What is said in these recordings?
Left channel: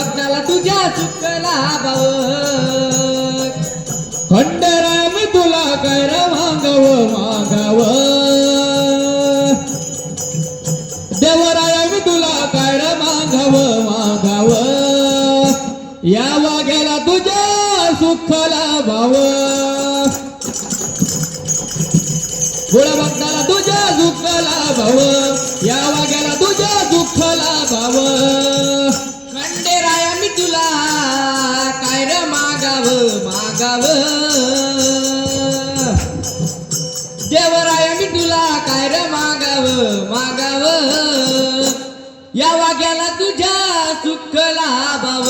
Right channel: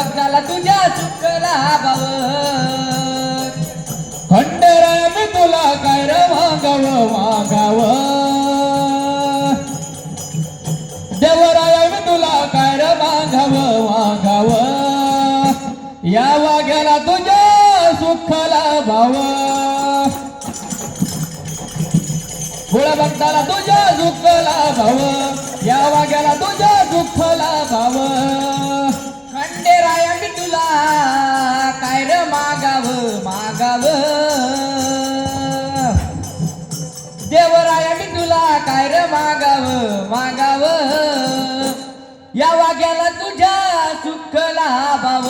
भक्ताला तुझ्या सुखला भाव खंडेराया मी तुला काय रे मागाव मागाव देवराया मी तुला काय रे मागाव मागाव या वाघ्याला तुझ्या सुखला भाव भोळ्या भक्ताला तुझ्या सुखला भाव या वाघ्याला तुझ्या सुखला भाव खंडेराया मी तुला काय रे मागाव मागाव देवराया मी तुला काय रे मागाव मागाव या वाघ्याला तुझ्या सुखला भाव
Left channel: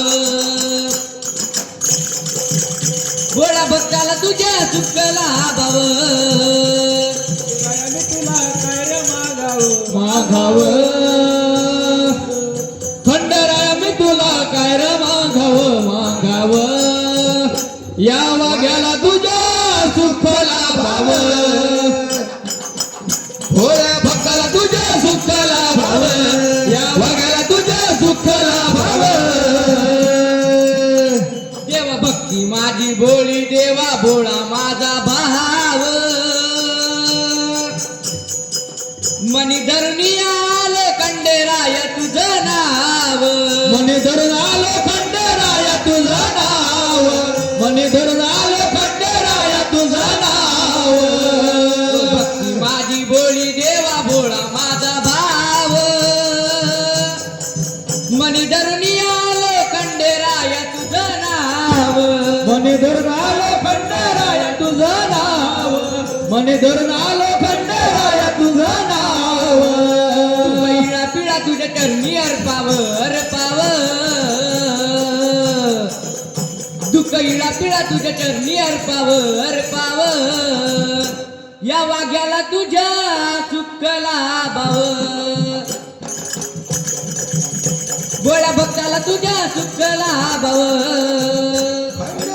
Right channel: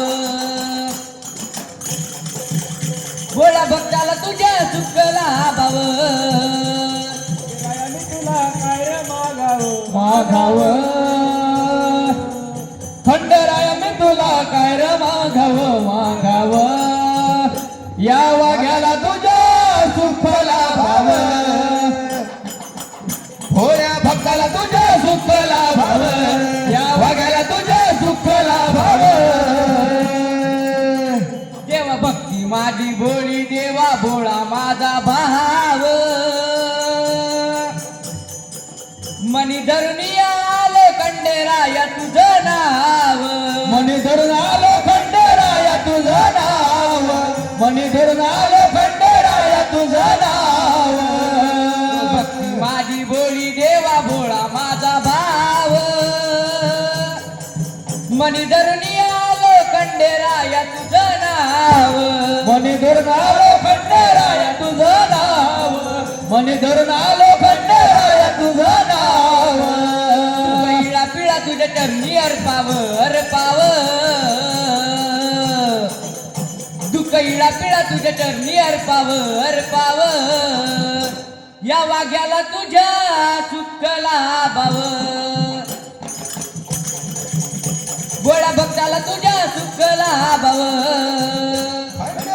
भोळ्या भक्ताला तुझ्या सुखला भाव माघाव खंडेराया मी तुला काय रे माघाव माघाव या वाघ्याला तुझ्या सुखला भाव भोळ्या भक्ताला तुझ्या सुखला भाव या वाघ्याला तुझ्या सुखला भाव देवा भक्ती माझी भोळी देवा भोळा माझा भाव मनी धरणी आले खंडेराया तुझं नाव मनी धरून आलो खंडेराया तुझं नाव मनी धरून आलो खंडेराया तुझं नाव भक्ती माझी भोळी देवा भोळा माझा भाव मनी धरणी आले खंडेराया तुझं नाव मनी धरून आलो खंडेराया तुझं नाव मनी धरून आलो खंडेराया तुझं नाव पिळा पिळा तुझ्या चरणी अर्पाव अर्पाव दुःख इळा पिळा तुझ्या चरणी अर्पाव अर्पाव या वाघ्याला तुझ्या सुखला भाव भोळ्या भक्ताला तुझ्या सुखला भाव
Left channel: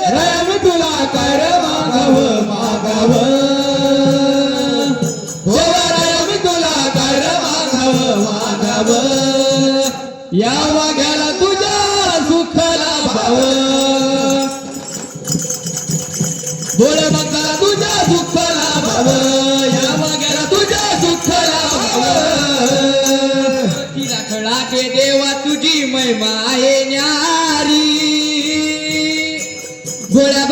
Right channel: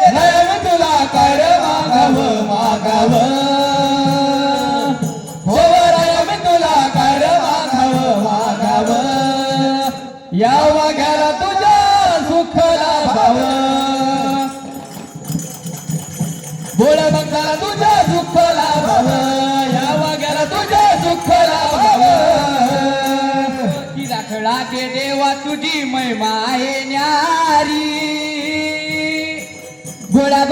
राया मी तुला काय रे मागाव मागाव हो राया मी तुला काय रे मागाव मागाव या वाघ्याला तुझ्या सुखला भाव भोळ्या भक्ताला तुझ्या सुखला भाव या वाघ्याला तुझ्या सुखला भाव तिला खळाचे देवा तुझी महिमा आहे न्यारी भोळ्या